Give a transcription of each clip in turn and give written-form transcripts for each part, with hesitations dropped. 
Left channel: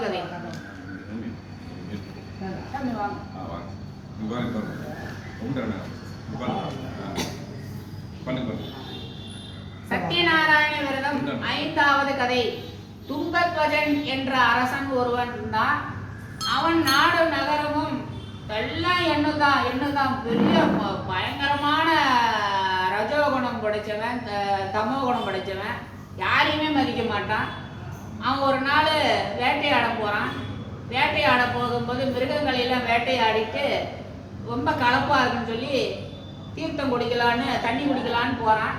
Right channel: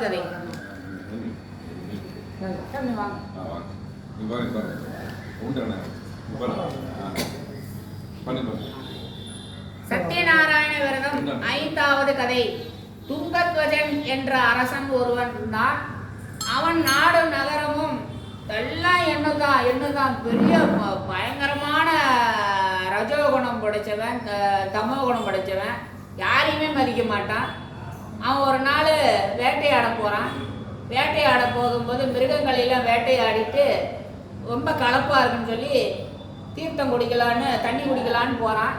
கதை. சத்யநாராயண விரதம் 5வது கதை. துங்கத்வஜன் என்ற அரசன் ஒருவன் தான். அவன் நாடு நகரமும் எல்லாம் என்னதான் பெரிய பயங்கரமான ரஜோகுணம் படைச்சவன், தமோகுணம் படைச்சவன், யாரையுமே மதிக்க மாட்டான். அவன் ஒரு நாள் வேட்டையாட போகிறான். வேட்டையாட போகும்போது மிருகங்களெல்லாம் வேட்டையாடிட்டு ரொம்ப களைப்பாக இருக்குன்னு சொல்லி தீர்த்தம் குடிக்கலான்னு, தண்ணி குடிக்கலான்னு போகிறான்.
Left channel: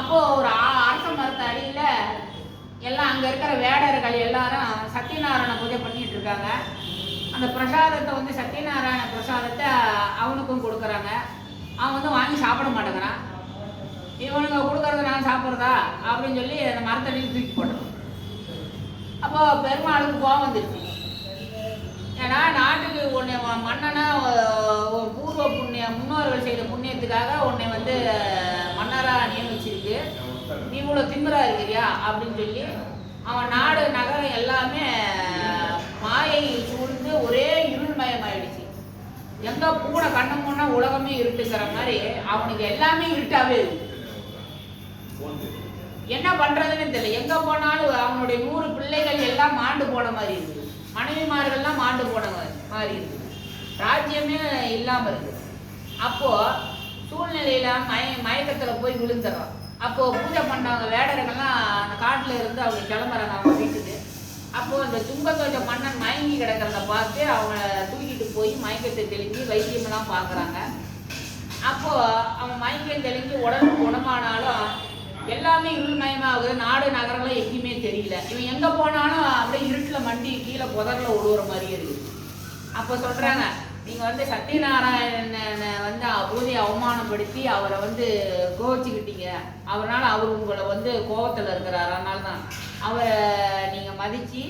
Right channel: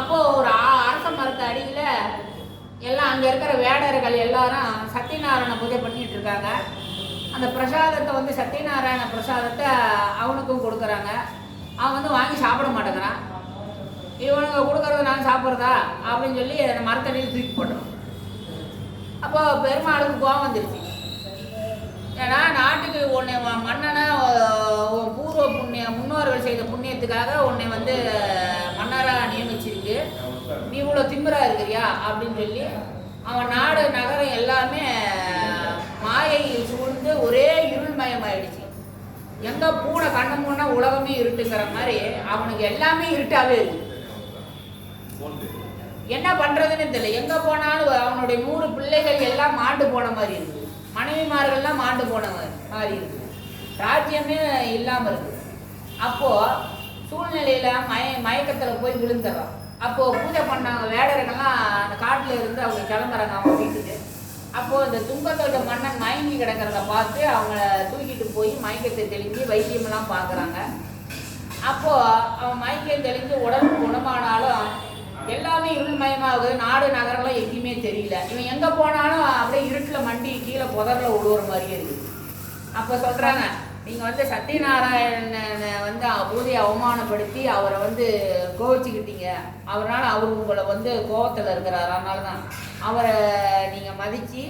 அப்போது ஒரு அரச மரத்து அடியில் எல்லாம் அங்கே இருக்கிற வேடர்கள் எல்லாரும் சத்யநாராயண பூஜை பண்ணிகிட்டு இருக்காங்க. அந்த பிரசாதத்தை சத்யநாராயண பிரசாதத்தை அவனுக்கும் கொடுக்குறாங்க. அவன் வாங்கி சாப்பிட மாட்டேங்கிறான். இவனுங்க கொடுக்கறத நான் சாப்பிட்றதா அப்படின்னு சொல்லி அந்த மரத்தடியில் தூக்கி போட்டுறான். அப்போது பெருமாளுக்கு கோபம் வந்துருச்சு. ஏன்னா நாட்டுக்கு உன்னை மன்னனா பூர்வ முன்னோர்கள் செய்த புண்ணியத்துக்காக உன்னை மன்னராக நியமிச்சிருக்கு, நீ இவ்வளோ திமிரா இருக்கிறியா அப்படின்னு சொல்லி அவன் நாடு நகரம் எல்லாமே மாயை சூழ்ந்து ஒரே இருள்மயமாயிடுச்சு. எங்கே பூனை கண்ண மூணா உலகமே இருட்டுங்கிற மாதிரி அவனுக்கு எல்லாமே இருட்டாகவே இருக்கு. என்ன பண்ணுறதுன்னு தெரியல. எங்கே போனாலும் அவனுடைய 100 பிள்ளைகள் எல்லாம் மாண்டு போன மாதிரி இருக்குது. மனைவிமார்கள்லாம் மாண்டு போன மாதிரி இருக்குது. ராஜ்யமே இல்லாமல் இருக்குது. அப்போது சூழ்நிலையில் மயக்கத்தில் போய் விழுந்துடுறான். அப்போது பூஜை பண்ணவங்க வேடர்கள்லாம் அந்த காட்டில் இருந்து அவங்க கிளம்புறாங்க அவங்க வீட்டுக்கு. அப்போது இந்த துங்கத்வஜ மன்னன் மயங்கி கிடக்கிறத பார்த்து அவங்க தூக்கிட்டு போய் மயக்கத்தை தெளிஞ்சு வைத்தியமெல்லாம் பார்க்குறாங்க. அப்போது அவன் மயக்கம் தெளிஞ்சு உடம்பு குணமானாலும் எல்லாமே இருள்மயமாகுது. நாடு நகரம்லாம் எங்கேயுமே தெரியல. இவன் எங்கே போனாலும் அப்படியே இருட்டில் மண்டி கீழே புதரில் விடுற மாதிரியே இருக்குது. அப்போ சொல்கிறாங்க, நீங்கள் சத்யநாராயணனை பூஜையை அவமானப்படுத்தி அவரை கோவிச்சுக்கிட்டீங்க. அவரால் அவர் உங்களை கோபத்தில் இருக்கிறார். அதனால தான் அவரை நீங்கள் மதித்து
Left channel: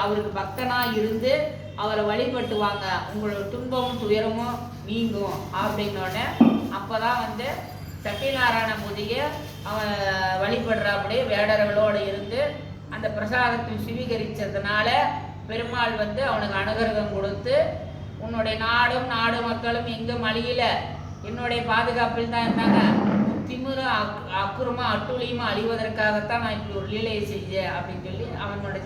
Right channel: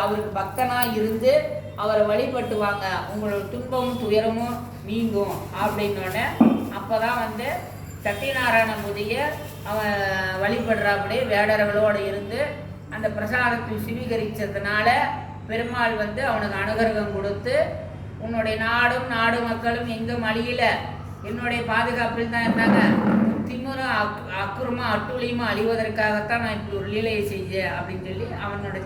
அவருக்கு பக்தனாக இருந்து அவரை வழிபட்டு வாங்க, உங்களோட துன்பமும் துயரமும் நீங்கும் அப்படின்னோடனே அப்போ தான் சத்யநாராயண பூஜையை அவன் வழிபடுறாப்படி வேடர்களோடு இருந்து அந்த பிரசாதத்தை சுவீகரித்ததுனால பெருமாள் அவனுக்கு அனுகிரகம் கொடுத்து, உன்னுடைய நாடு மக்களும் எங்கும் அழியல, என்னுடைய பாதுகாப்பில் தான் இருந்தாங்க, திமிரும் அக்குறமாக அட்டுழியுமா அழிவதற்காகத்தான் நான் இப்படி ஒரு லீலையை செஞ்சேன் அப்படின்னு சொல்லி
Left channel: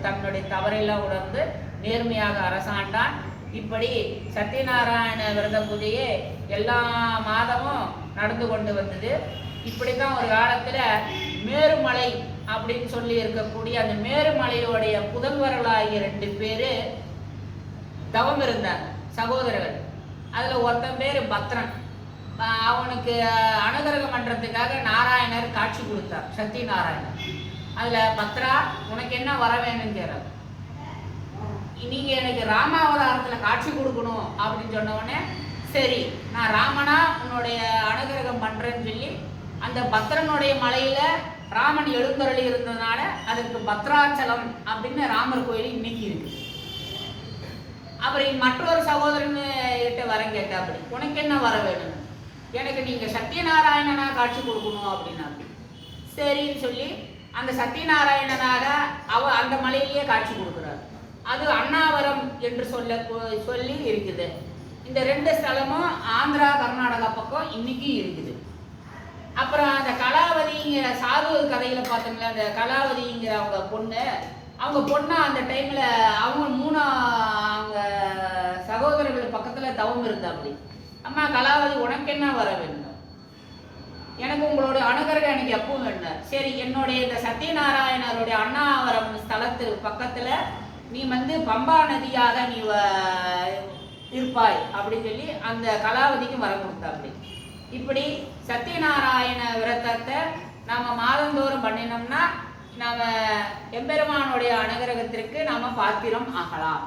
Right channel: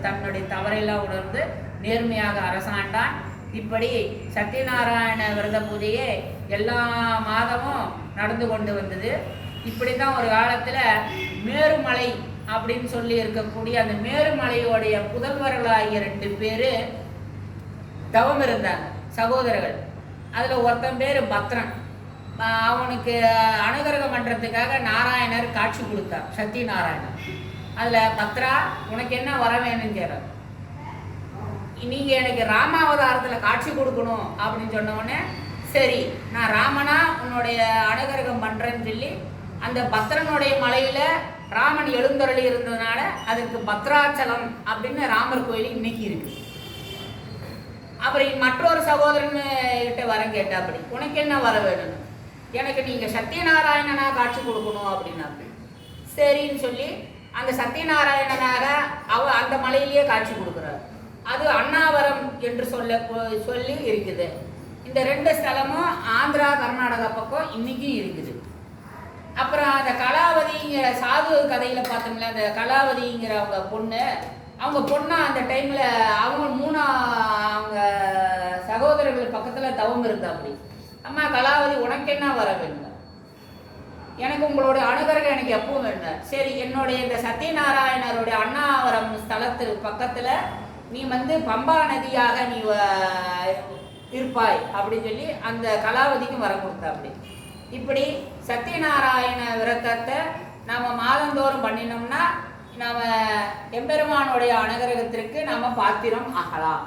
தன்னுடைய தவறையெல்லாம் உணர்ந்து நேர்மையாக அரசாண்டான். இப்படி சத்யநாராயண விரத பூஜையே எல்லா மாதமும் நடந்து கொண்டு வந்தது. இப்படி தான் ஒரு காலத்தில் மேருமலை அப்படின்னு சொல்லி இருக்கக்கூடிய அந்த மேருமலையோடைய புதல்வர்களாகிய 2 பேர் தவம் இருந்தாங்க, சகோதரர்கள். அதில் ஒருத்தன் பேர் பத்ரன். அவனுக்கு அனுகிரகம் பண்ணுறதுக்காக நாராயணர் காட்சி கொடுத்தார், சத்யநாராயணர். அதில் பத்ரா, உனக்கு என்ன வர வேணும்னு கேட்றார். நீங்கள் எனக்கு ராமாவதாரத்தில் காட்சி கொடுக்கணும் அப்படின்னு சொன்னோடனே, சரி நான் ராமனா உன்னுடைய அனுகிரகம் பண்ணுறேன்னு சொல்லி அந்த பத்ரனுடைய மலையில் ராமன் எழுந்தருளி இருந்ததுனால அதுக்கு பத்ராச்சலம் அப்படின்னு ராமர் கோயில் இன்னைக்கு இருக்கு. அப்புறம் மற்றொரு சகோதரன் கிட்ட வரம் கேட்டா, அப்படி உனக்கு என்ன வர வேணும்னு, எனக்கு நீங்கள் சத்யநாராயணனா காட்சி கொடுக்கணும் அப்படின்னா, சரின்னு சொல்லி அந்த சத்யநாராயணனாக அந்த மலையிலேயே காட்சி கொடுக்குறாரு. அது அண்ணாவரம் என்று சொல்லி இருக்குது. இந்த 2 ஸ்தலமும் ஆந்திரா கர்நாடகா பக்கம் இன்னைக்கும் இருக்குது. அப்புறம் அந்த கலாவதிங்கிற சாது கதையில் பார்த்தோம்ல, அந்த கலாவதிங்கிற அவங்க பொண்ணா அந்த டைமில் அவங்க சகோதரர்கள் பக்கத்தில் தவம் இருந்தா. அப்படி அம்மா கலாவதி, உனக்கு என்ன வர வேணும், எனக்கு உங்களுடைய அனுகிரகம் எனக்கு எப்பவும் வேணும். சரி, என்னுடைய இந்த சத்யநாராயணருடைய அண்ணாவரம் ஸ்தலத்துக்கு பக்கத்தில் நீ பம்பா நதியாக நீ இருப்பாய் அப்படின்னு சொல்லி அந்த கலாவதிக்கும் வரம் கொடுத்தா. அப்படி இப்படி சத்யநாராயண விரதத்தை நாம் மாதந்தோறும் பண்ணினோம்னா நாம் எம்பெருமானுடைய அனுகிரகத்திற்கு நாம் பாத்திரம் ஆகலாம்.